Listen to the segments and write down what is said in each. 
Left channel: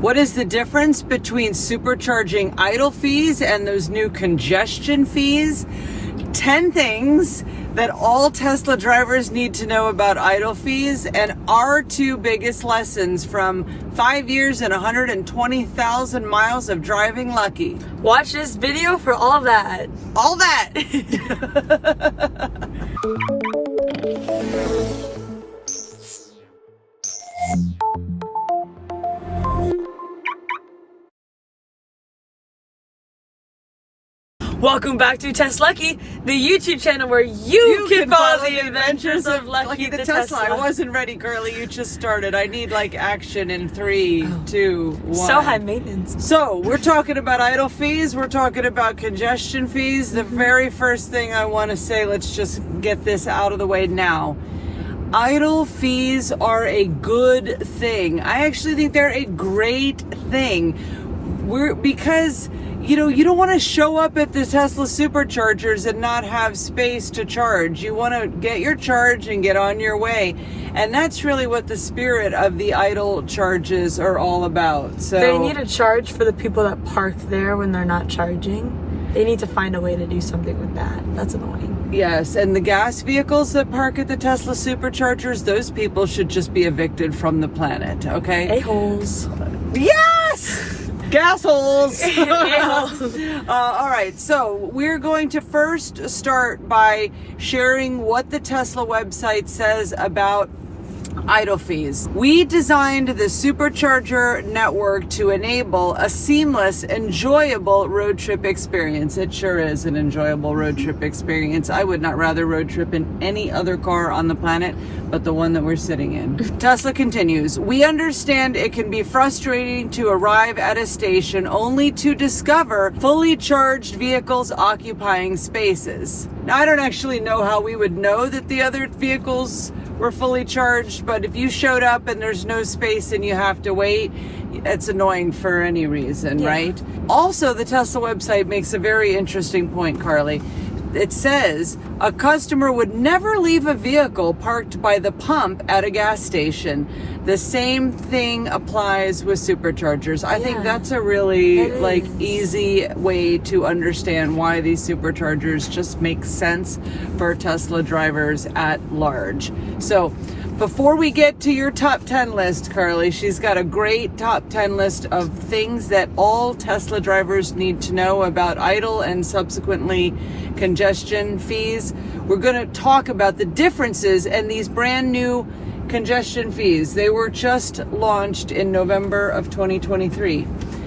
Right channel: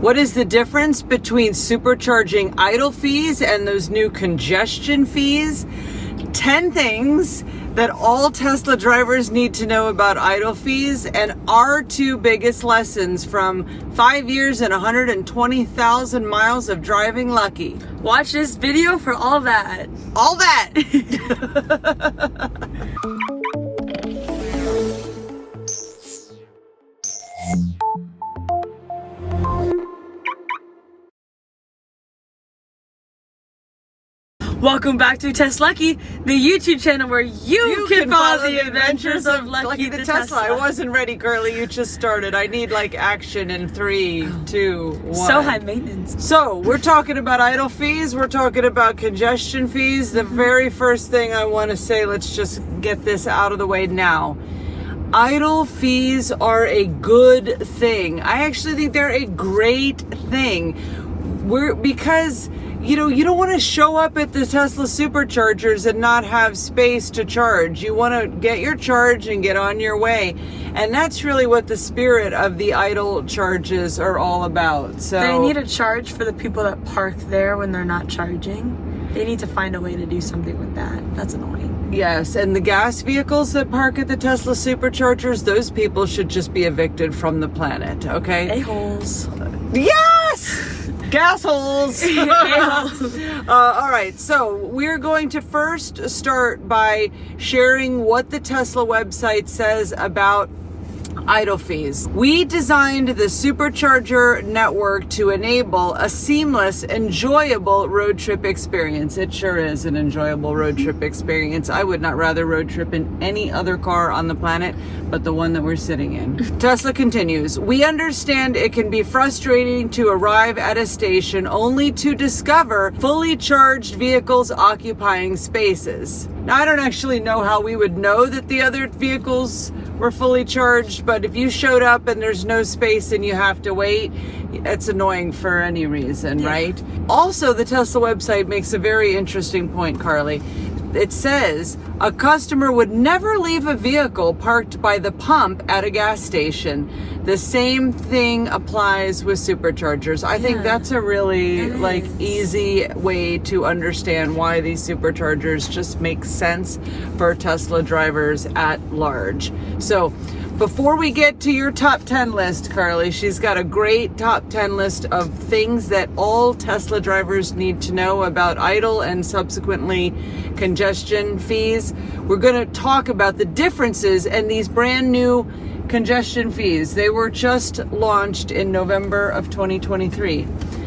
What is the difference between supercharging idle fees and those new congestion fees? 10 things that all Tesla drivers need to know about idle fees, and our 2 biggest lessons from 5 years and 120,000 miles of driving lucky. Watch this video for all that. All that! Welcome back to TesLUCKY, the YouTube channel where you can follow the adventures of Lucky the Tesla. I wasn't ready, girly. You just started. I need like action in 3, 2, 1. So high maintenance. So we're talking about idle fees. We're talking about congestion fees. The very first thing I want to say, let's just get this out of the way now. Idle fees are a good thing. I actually think they're a great thing. Because you know, you don't want to show up at the Tesla Superchargers and not have space to charge. You want to get your charge and get on your way. And that's really what the spirit of the idle charges are all about. So they need a charge for the people that park there when they're not charging. They need to find a way to do something with that. That's annoying. Yes, and the gas vehicles that park at the Tesla Superchargers, those people should just be evicted from the planet, okay? A-holes. Yes! Gas holes. All right, so we're going to first start by sharing what the Tesla website says about idle fees. We designed the Supercharger network to enable a seamless, enjoyable road trip experience. It sure is an enjoyable road trip experience. I would not rather road trip in any other car on the planet but the one that we're sitting in. Tesla continues, we understand it can be frustrating to arrive at a station only to discover fully charged vehicles occupying spaces. Now, I don't actually know how we would know that the other vehicles were fully charged, but if you showed up and there's no space and you have to wait, it's annoying for any reason, right? Also, the Tesla website makes a very interesting point, Carly. It says a customer would never leave a vehicle parked by the pump at a gas station. The same thing applies with superchargers. I think that's a really easy way to understand why these superchargers just make sense for Tesla drivers at large. So before we get to your top 10 list, Carly, she's got a great top 10 list of things that all Tesla drivers need to know about idle and subsequently congestion fees. We're going to talk about the differences in these brand new congestion fees. They were just launched in November of 2023.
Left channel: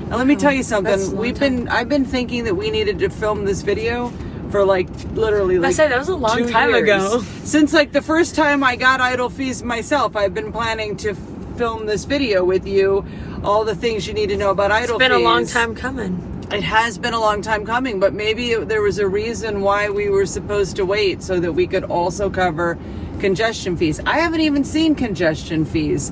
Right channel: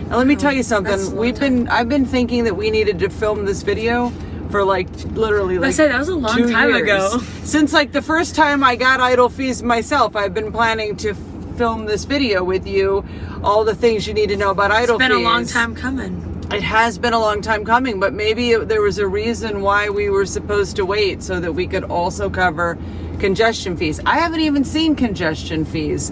Now let me tell you something. I've been thinking that we needed to film this video for literally I said that was a long time ago. Since the first time I got idle fees myself, I've been planning to film this video with you, all the things you need to know about idle fees. It's been a long time coming. It has been a long time coming, but maybe there was a reason why we were supposed to wait so that we could also cover congestion fees. I haven't even seen congestion fees.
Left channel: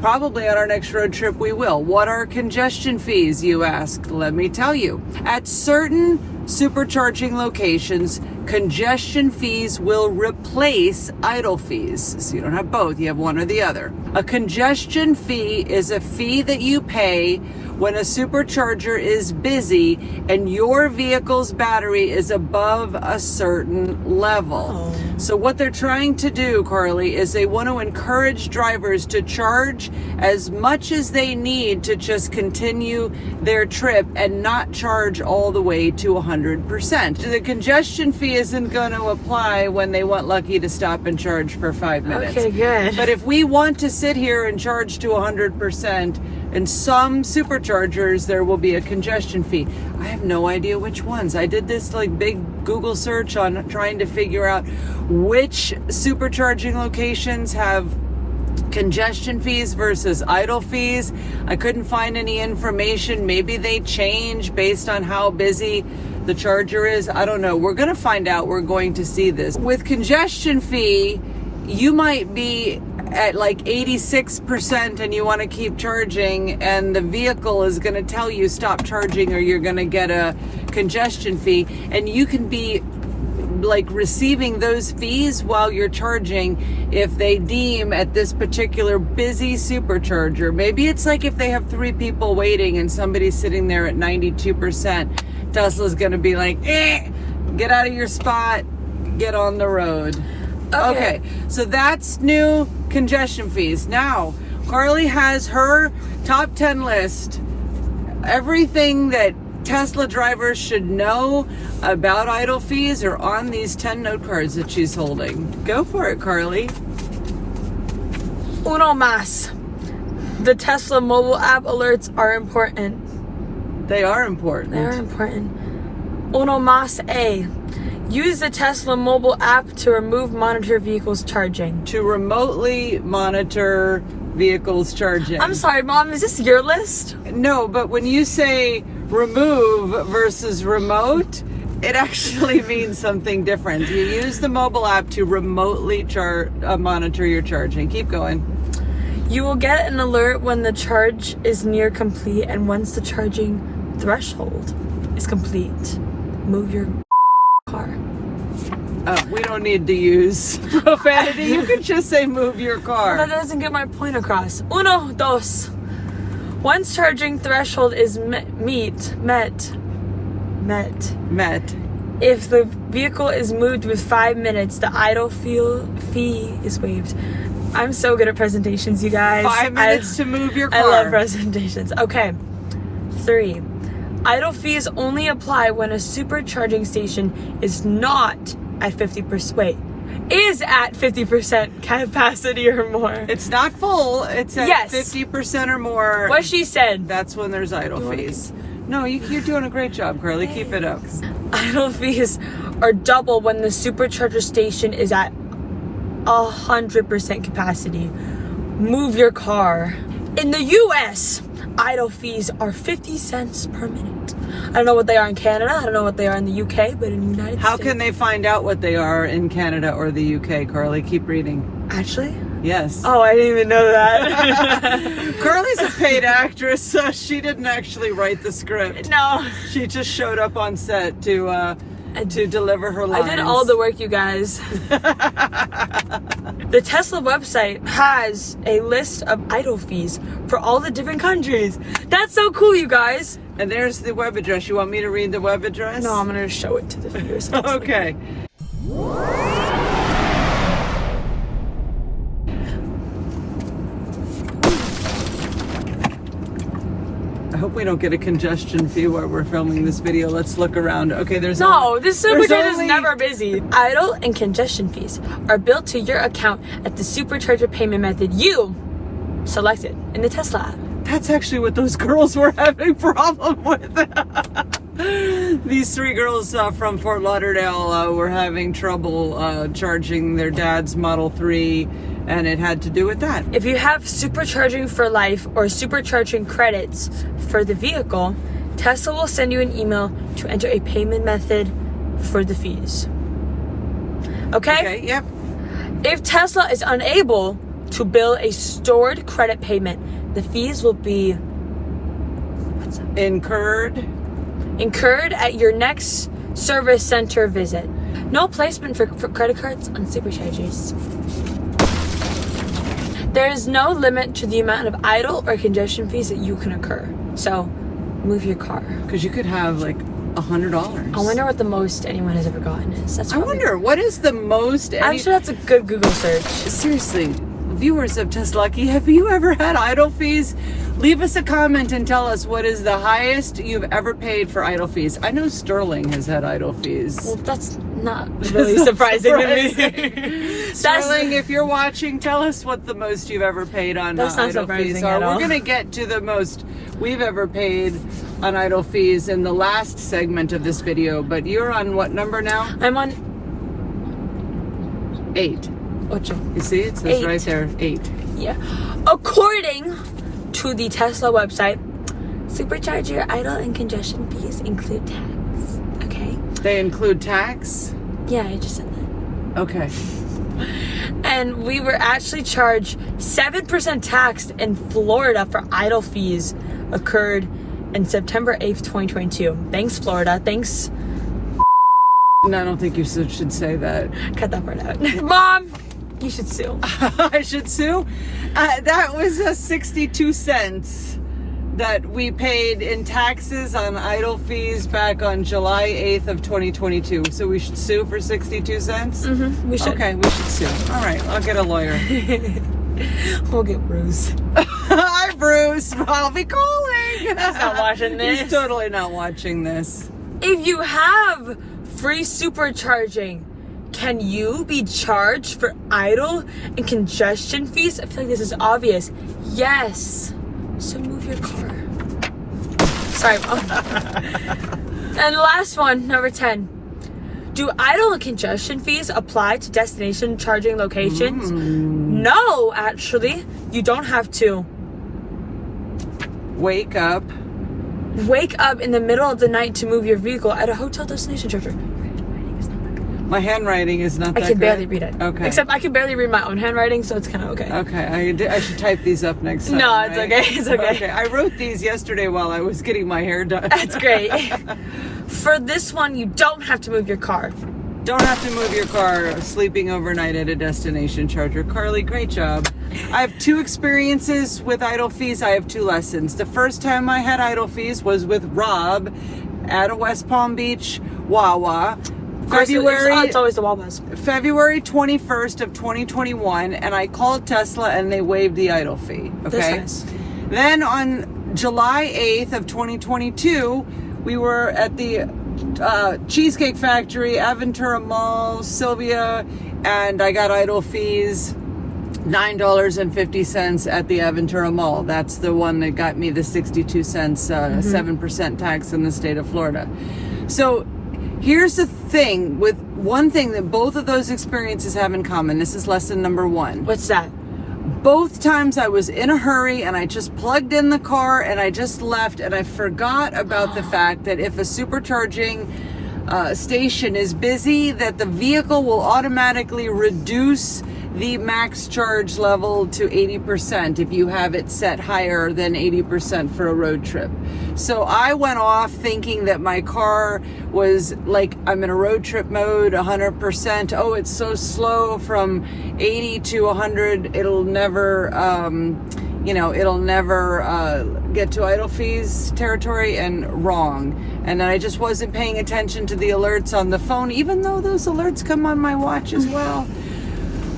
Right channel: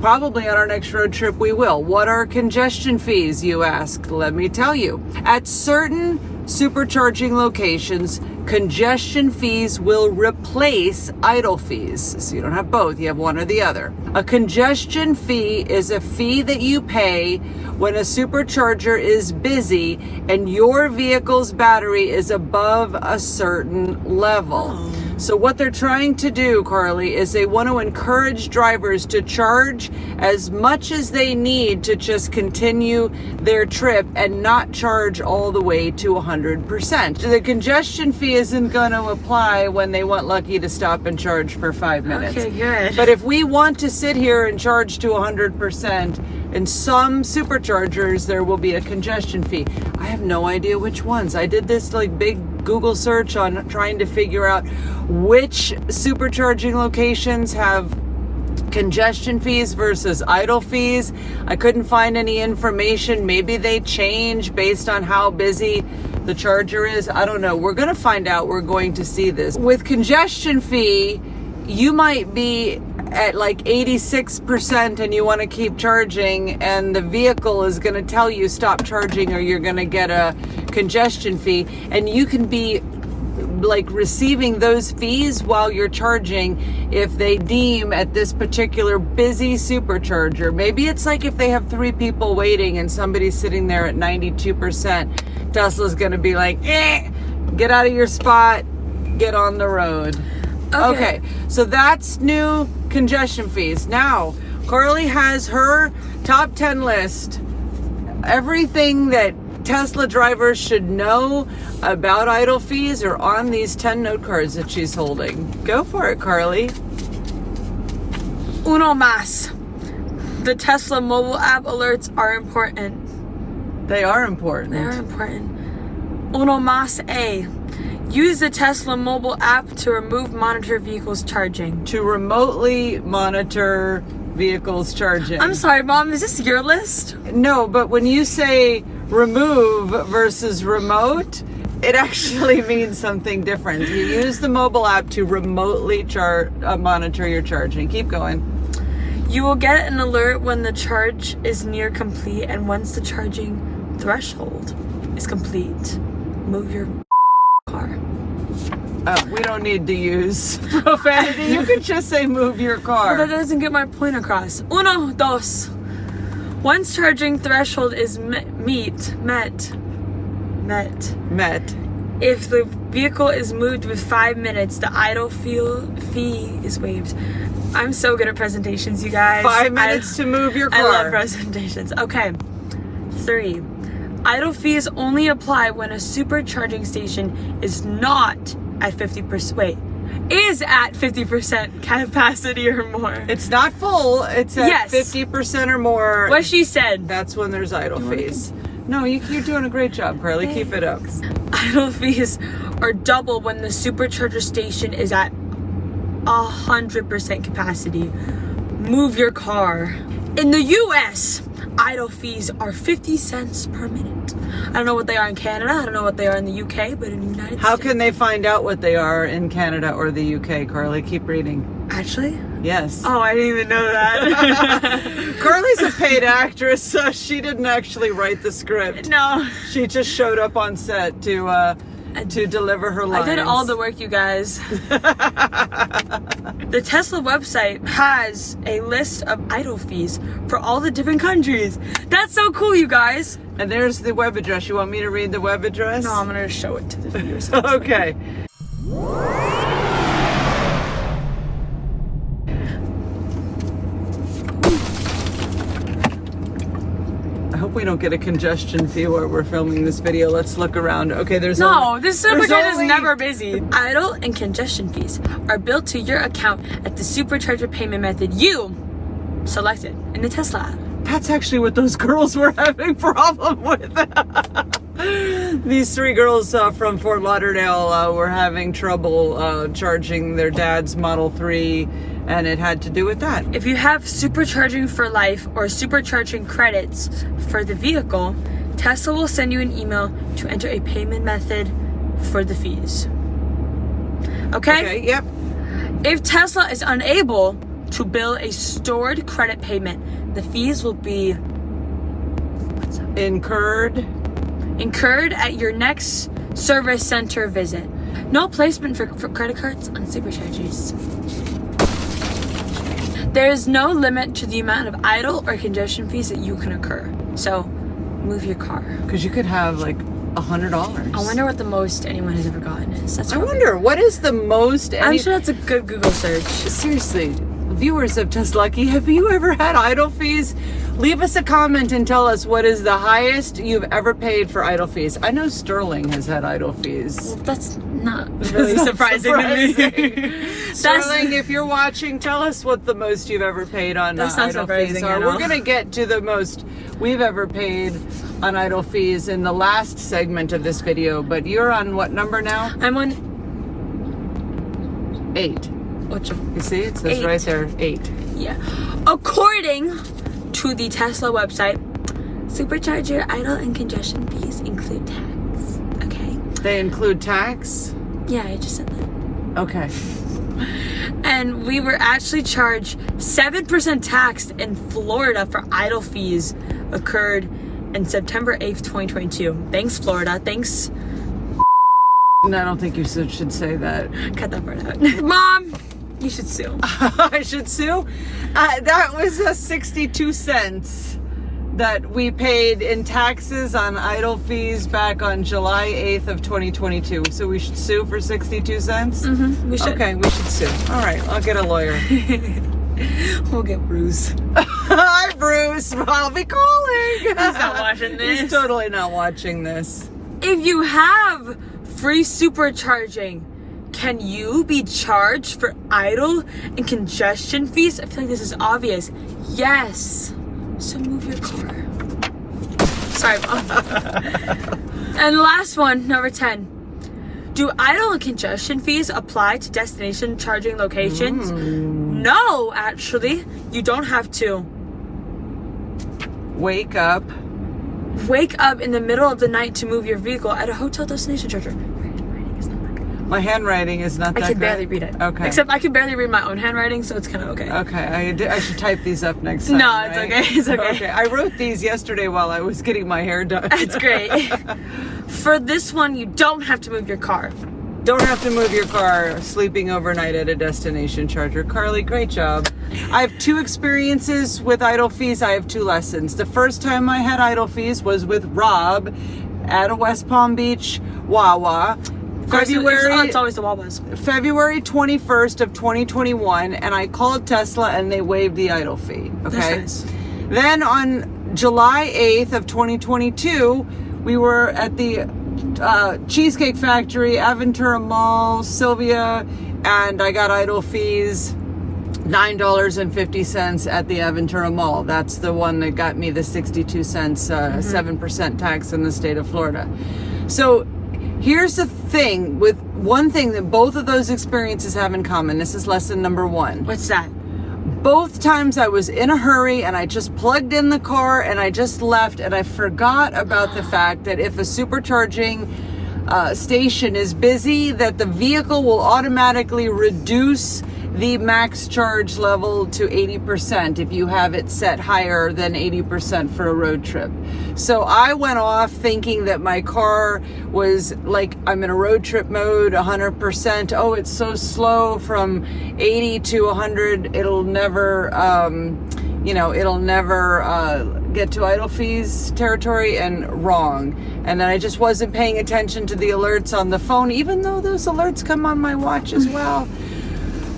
Probably on our next road trip we will. What are congestion fees, you ask? Let me tell you. At certain supercharging locations, congestion fees will replace idle fees. So you don't have both, you have one or the other. A congestion fee is a fee that you pay when a supercharger is busy and your vehicle's battery is above a certain level. So what they're trying to do, Carly, is they want to encourage drivers to charge as much as they need to just continue their trip and not charge all the way to 100%. The congestion fee isn't going to apply when they want Lucky to stop and charge for 5 minutes. Okay, good. But if we want to sit here and charge to 100%, in some superchargers, there will be a congestion fee. I have no idea which ones. I did this big Google search on trying to figure out which supercharging locations have congestion fees versus idle fees. I couldn't find any information. Maybe they change based on how busy the charger is. I don't know. We're going to find out. We're going to see this. With congestion fee, you might be at 86% and you want to keep charging, and the vehicle is going to tell you stop charging or you're going to get a congestion fee, and you can be like receiving those fees while you're charging if they deem at this particular busy supercharger. Maybe it's like if they have 3 people waiting and somebody's sitting there at 92%, Tesla's gonna be like, get out of your spot, get on the road. Okay, so that's new congestion fees. Now, Carly has her top 10 list. Everything that Tesla drivers should know about idle fees are on these 10 note cards that she's holding. Go for it, Carly. Uno más. The Tesla mobile app alerts are important. They are important. They are important. Uno más A. Use the Tesla mobile app to monitor vehicles charging. To remotely monitor vehicles charging. I'm sorry, Mom, is this your list? No, but when you say remove versus remote, it actually means something different. You use the mobile app to remotely monitor your charging. Keep going. You will get an alert when the charge is near complete and once the charging threshold is complete. Move your car. We don't need to use profanity. You can just say move your car. That doesn't get my point across. Uno, dos. Once charging threshold is met. If the vehicle is moved with 5 minutes, the idle fee is waived. I'm so good at presentations, you guys. 5 minutes to move your car. I love presentations. Okay. 3. Idle fees only apply when a supercharging station is not at 50%. Is at 50% capacity or more. It's not full. It's at 50% or more. What she said. That's when there's idle fees. No, you're doing a great job, Carly. Keep it up. Idle fees are double when the supercharger station is at 100% capacity. Move your car. In the US, idle fees are 50 cents per minute. I don't know what they are in Canada. I don't know what they are in the UK, but in the United States. How can they find out what they are in Canada or the UK, Carly? Keep reading. Actually? Yes. Oh, I didn't even know that. Carly's a paid actress, so she didn't actually write the script. No. She just showed up on set to deliver her lines. I did all the work, you guys. The Tesla website has a list of idle fees for all the different countries. That's so cool, you guys. And there's the web address. You want me to read the web address? No, I'm going to show it to the viewers. Okay. I hope we don't get a congestion fee while we're filming this video. Let's look around. Okay, there's this supercharger is never busy. Idle and congestion fees are built to your account at the supercharger payment method you selected in the Tesla app. That's actually what those girls were having problem with. These 3 girls from Fort Lauderdale were having trouble charging their dad's Model 3, and it had to do with that. If you have supercharging for life or supercharging credits for the vehicle, Tesla will send you an email to enter a payment method for the fees. Okay, yep. If Tesla is unable to bill a stored credit payment, the fees will be incurred at your next service center visit. No placement for credit cards on superchargers. There is no limit to the amount of idle or congestion fees that you can incur. So, move your car. Because you could have like $100. I wonder what the most anyone has ever gotten is. I wonder, what is the most... I'm sure that's a good Google search. Seriously, viewers of TesLUCKY, have you ever had idle fees? Leave us a comment and tell us what is the highest you've ever paid for idle fees. I know Sterling has had idle fees. Well, that's not really surprising to me. Sterling, if you're watching, tell us what the most you've ever paid on idle fees are. We're going to get to the most we've ever paid on idle fees in the last segment of this video, but you're on what number now? I'm on 8. Ocho. You see, it says 8. Right there, 8. Yeah. According to the Tesla website, supercharger idle and congestion fees include tax. Okay. They include tax? Yeah, I just said that. Okay. And we were actually charged 7% tax in Florida for idle fees occurred in September 8th, 2022. Thanks, Florida. Thanks, No, I don't think you should say that. Cut that part out. Mom, you should sue. I should sue? That was 62 cents that we paid in taxes on idle fees back on July 8th of 2022. So we should sue for 62 cents? Mm-hmm, we should. Okay, we should sue. All right, I'll get a lawyer. We'll get Bruce. Hi, Bruce. I'll be calling. He's not watching this. He's totally not watching this. If you have free supercharging, can you be charged for idle and congestion fees? I feel like this is obvious. Yes. So move your car. Sorry, Mom. And last one, number 10. Do idle and congestion fees apply to destination charging locations? No, actually. You don't have to. Wake up. Wake up in the middle of the night to move your vehicle at a hotel destination charger. My handwriting is not that good. I can barely read it. Okay. Except I can barely read my own handwriting, so it's kind of okay. Okay, I should type these up next time. No, it's right? okay. It's okay. Okay, I wrote these yesterday while I was getting my hair done. That's great. For this one, you don't have to move your car. Don't have to move your car sleeping overnight at a destination charger. Carly, great job. I have 2 experiences with idle fees. I have 2 lessons. The first time I had idle fees was with Rob at a West Palm Beach Wawa. It's always the Wawas. February 21st of 2021, and I called Tesla and they waived the idle fee. Okay. That's nice. Then on July 8th of 2022, we were at the Cheesecake Factory, Aventura Mall, Sylvia, and I got idle fees $9.50 at the Aventura Mall. That's the one that got me the 62 cents, 7% tax in the state of Florida. So here's the thing, with one thing that both of those experiences have in common. This is lesson number 1. What's that? Both times I was in a hurry and I just plugged in the car and I just left, and I forgot about the fact that if a supercharging station is busy, that the vehicle will automatically reduce the max charge level to 80% if you have it set higher than 80% for a road trip. So I went off thinking that my car was like, I'm in a road trip mode, 100%. Oh, it's so slow from 80 to 100. It'll never, get to idle fees territory, and wrong. And then I just wasn't paying attention to the alerts on the phone, even though those alerts come on my watch as well.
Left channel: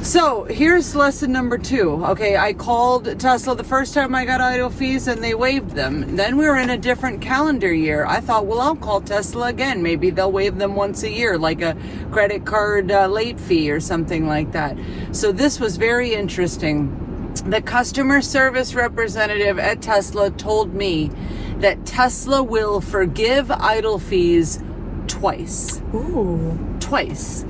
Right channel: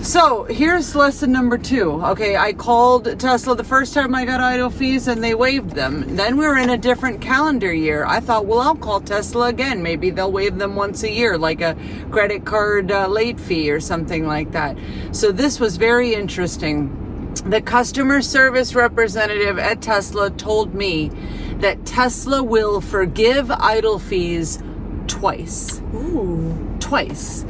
So here's lesson number 2. Okay, I called Tesla the first time I got idle fees and they waived them. Then we were in a different calendar year. I thought, well, I'll call Tesla again. Maybe they'll waive them once a year, like a credit card late fee or something like that. So this was very interesting. The customer service representative at Tesla told me that Tesla will forgive idle fees twice. Ooh. Twice.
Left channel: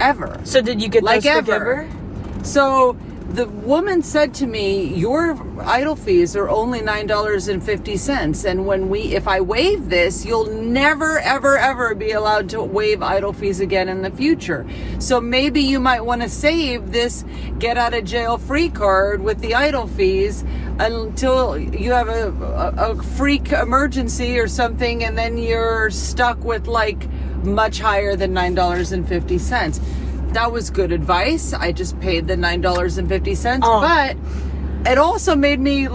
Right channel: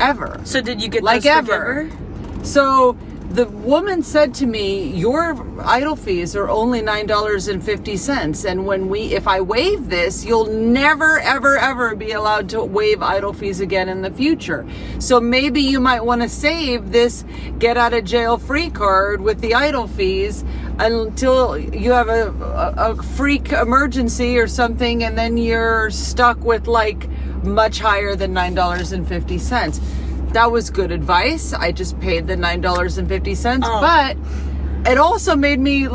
Ever. So did you get like those ever? forgiver? So the woman said to me, your idle fees are only $9.50. And if I waive this, you'll never, ever, ever be allowed to waive idle fees again in the future. So maybe you might want to save this get out of jail free card with the idle fees until you have a freak emergency or something, and then you're stuck with like much higher than $9.50. That was good advice. I just paid the $9.50, but it also made me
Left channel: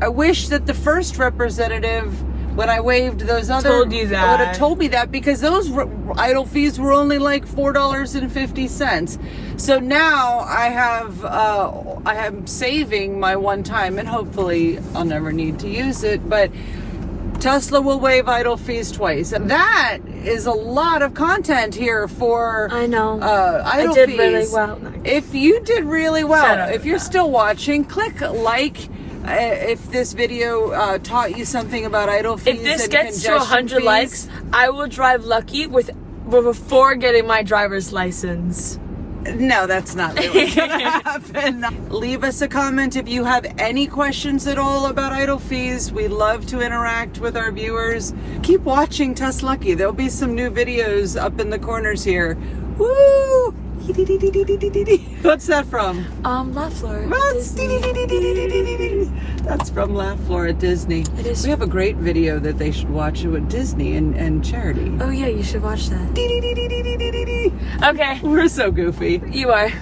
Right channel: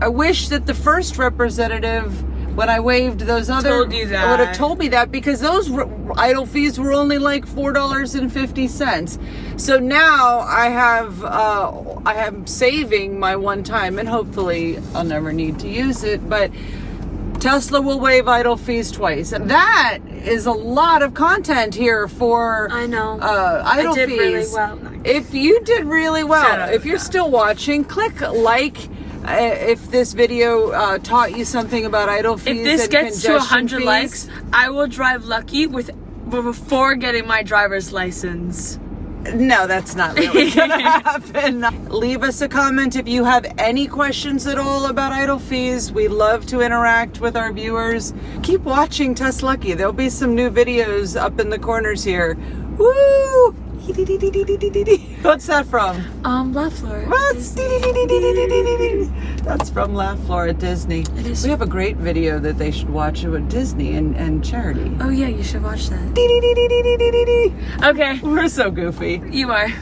I wish that the first representative, when I waived those other, told you that. would have told me that, because those idle fees were only like $4.50. So now I am saving my one time, and hopefully I'll never need to use it, but Tesla will waive idle fees twice, and that is a lot of content here for I know. idle I did fees. really well. If you did really well, Shut up. if you're still watching, click like if this video taught you something about idle fees. If this and gets to congestion 100 fees. likes, I will drive Lucky before getting my driver's license. No, that's not really gonna happen. Leave us a comment if you have any questions at all about idle fees. We love to interact with our viewers. Keep watching TesLUCKY. There'll be some new videos up in the corners here. Woo! What's that from? Love Floor. That's from Laugh Floor at Disney. It is. We have a great video that they should watch with Disney and charity. Oh yeah, you should watch that. Okay. We're so goofy. You are.